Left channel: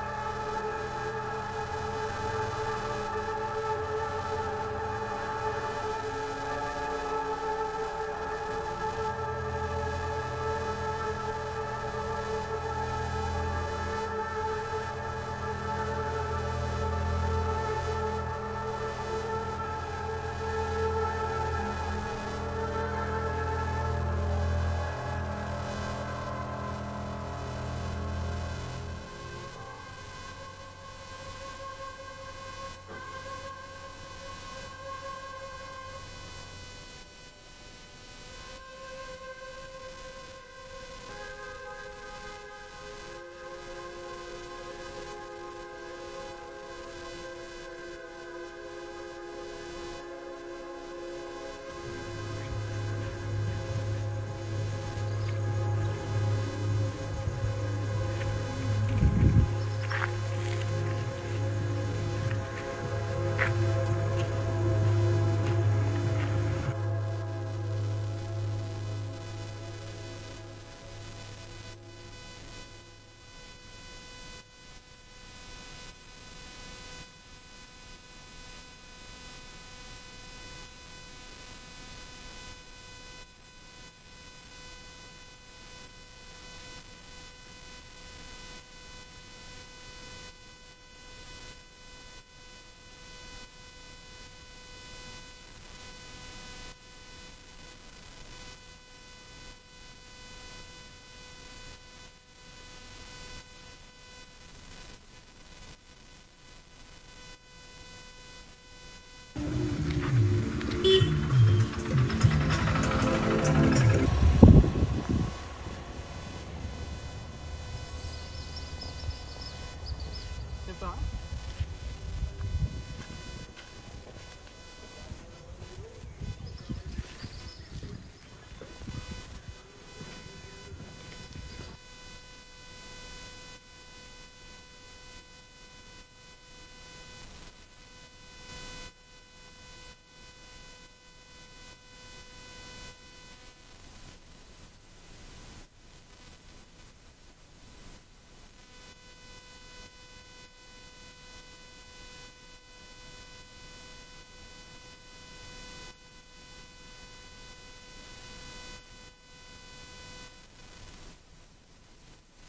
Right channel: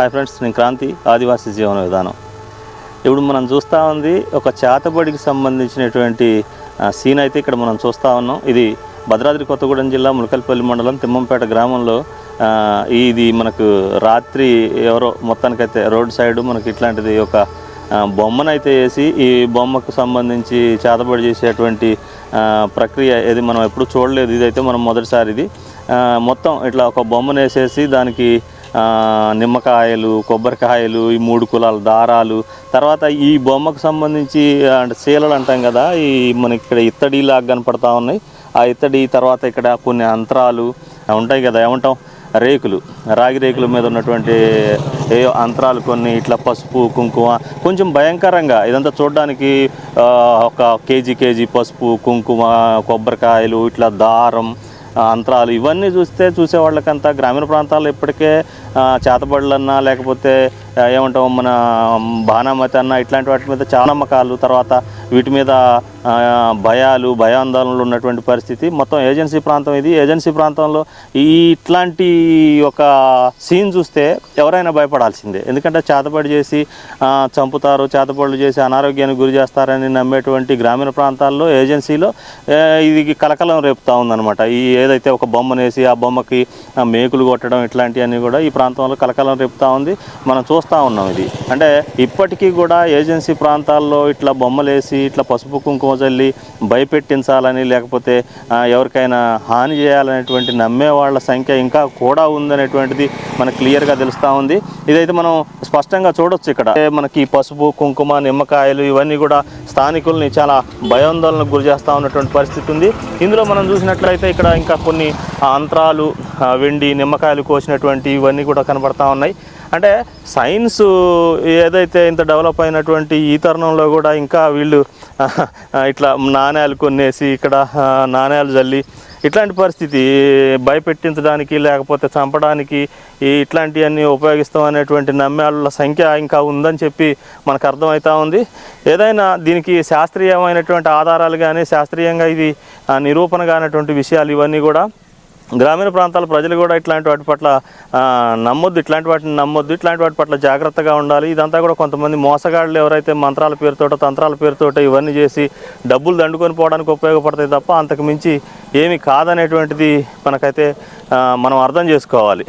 Hi friends, నేను క్రాంతి ఆదివాసీ జీవన విధానం. ఇప్పుడు మనం చూస్తూ ఉంది ఒక చేతబడికి సంబంధించినటువంటి సీన్ అయితే ఇక్కడ మనం చూస్తూ ఉన్నాం. ఇది భద్రాద్రి కొత్తగూడెం జిల్లా ములకల్పల్లి మండలం తిమ్మంపేట గ్రామంలో ఇది మనకు రాత్రి ఎవరో మొత్తానికైతే రోడ్ సైడ్ మనకి ఇట్లాంటిది ఒక బొమ్మనైతే వేసి ఈ బొమ్మకు సంబంధించి చేతబడి చేసేటువంటి ప్రక్రియ ఇది మనం ఎప్పుడు చూడలేదు. ఇదైతే మనం మొదటిసారి ఇది మొత్తం ఇట్లా ఒక బొమ్మను వేసేసి దానికి నిమ్మకాయలు, కొబ్బరికాయలు, ఈ 3 కులాల దారాలు, తర్వాత ఈ బొమ్మకు సంబంధించి అంటే శీలలు అంటాం కదా, ఈ మనకి ఇక్కడ ఇత్తడిలాగా కనపడతా ఉన్నాయి. ఆ ఇత్తడి తర్వాత ఇక్కడ కొన్ని అంతరాలు ఉంటాయి కదా, ఏమంటాం రేకులు, రాగి రేకుల మీద ఉన్నటువంటి అంతరాలు కొన్ని, ఇట్లా పసుపు కుంకుమ, కొంచెం భయంకరంగా ఇదంతా చూడడానికి ఒక కేజీ పసుపు కుంకుమ, కొబ్బరికాయలు, ఇట్లా దారం, అంతరాలు ఇవన్నీ చూసే వాళ్ళకంతా గ్రామీణ ప్రాంతాల్లో ఇప్పటికే చేతబడులన్నా లేకపోతే ఏమంటాం మన బాణామతి అన్న ఇట్లాంటి వాటి మీద చాలా నమ్మకాలు, తర్వాత వీటి మీద భయాందోళనలు ఉన్నటువంటి పరిస్థితి. మొత్తం ఏజెన్సీ ప్రాంతం ఇది. ఏజెన్సీ ప్రాంతంలో ఇట్లాంటి ఒక సీన్ చూస్తే ఎవరైనా భయపడాల్సిందే. ఎందుకంటే చేతబడి చేసి చంపుతారు, చేతబడులు చేసి అనారోగ్యానికి గురి చేస్తారని నమ్మేటువంటి గ్రామీణ ప్రాంతాల్లో ఏజెన్సీలో ఇది కలకలం రేపుతూ ఉందన్నమాట. ఈ ఏదైతే ఒక బొమ్మనేసి ఆ బొమ్మకి మేకులు కొట్టడం ఇట్లాంటివన్నీ కూడా ఈ ప్రాంతంలో కలకలం రేపుతూ ఉంది. మనం చూస్తూ ఉన్నాం. ఇది అంటే ఇప్పటికీ కూడా ఏజెన్సీ ప్రాంతాల్లో ఇట్లా బొమ్మలేసి ఇట్లా పసుపు కుంకుమ చల్లి భయపెట్టించాలని లేకపోతే ఎవరికైనా హాని చేయాలనేటువంటి నమ్మే వాళ్ళ సంఖ్య ఇంకా కూడా ఉందనేటువంటిది మనకు క్లియర్గా తెలుస్తూ ఉంది. ఇదైతే మనం స్పష్టంగా చూడొచ్చు. ఇక్కడ మనకి పసుపు కుంకుమ నిమ్మకాయలు ఇవన్నీ కూడా స్థానికుల్ని చాలా భయాందోళనకు గురి చేస్తూ ఉన్నటువంటి పరిస్థితి ఉంది. ఇందులో మనం చూసినట్లయితే ఇక్కడ ఇంకా కొన్ని అంతరాలు, వెండి, నిమ్మకాయలు కోసినటువంటి ఇవన్నీ కూడా కనబడతా ఉన్నాయి. అంటే సైన్స్ ఏదైతే ఇంత డెవలప్ అయినటువంటి ఈ తరుణంలో కూడా ఇంకా వీళ్ళు ఇట్లా నాణ్యాలు కొనేసి ఇక్కడ నాణ్యాలు జల్లి ఇట్లాంటి పరిస్థితి భయపెట్టించడానికి లేకపోతే చంపడానికి ఇట్లాంటివన్నీ ఉపయోగిస్తాం అనేటువంటి నమ్మేళ్ళ సంఖ్య ఇంకా ఉందని చెప్పి మనకు అర్థమవుతా ఉంది. ఏదైనా దీనికి శాస్త్రీయమైనటువంటి ఆధారాలు కానీ శాస్త్రీయంగా ఇది నిరూపణ కానటువంటి విషయాలు ఇవన్నీ కూడా గ్రామీణ ప్రాంతాల ప్రజలు కూడా ఇట్లాంటి వాటి పట్ల నమ్మొద్దు, ఇట్లాంటి వాటి పట్ల జాగ్రత్తగా ఉండాలి. ఇదంతా కూడా కొంతమంది మోసగాళ్ళు ఎవరైతే మంత్రాల పేరుతోటో తంత్రాల పేరుతోటో ఇవన్నీ చేసి డబ్బులు దండుకొని పోవడానికి ఉపయోగపడతాయి తప్ప అంతకు మించి ఏమీ కాదనేటువంటిది మనకైతే మనం అర్థం చేసుకోవాలి.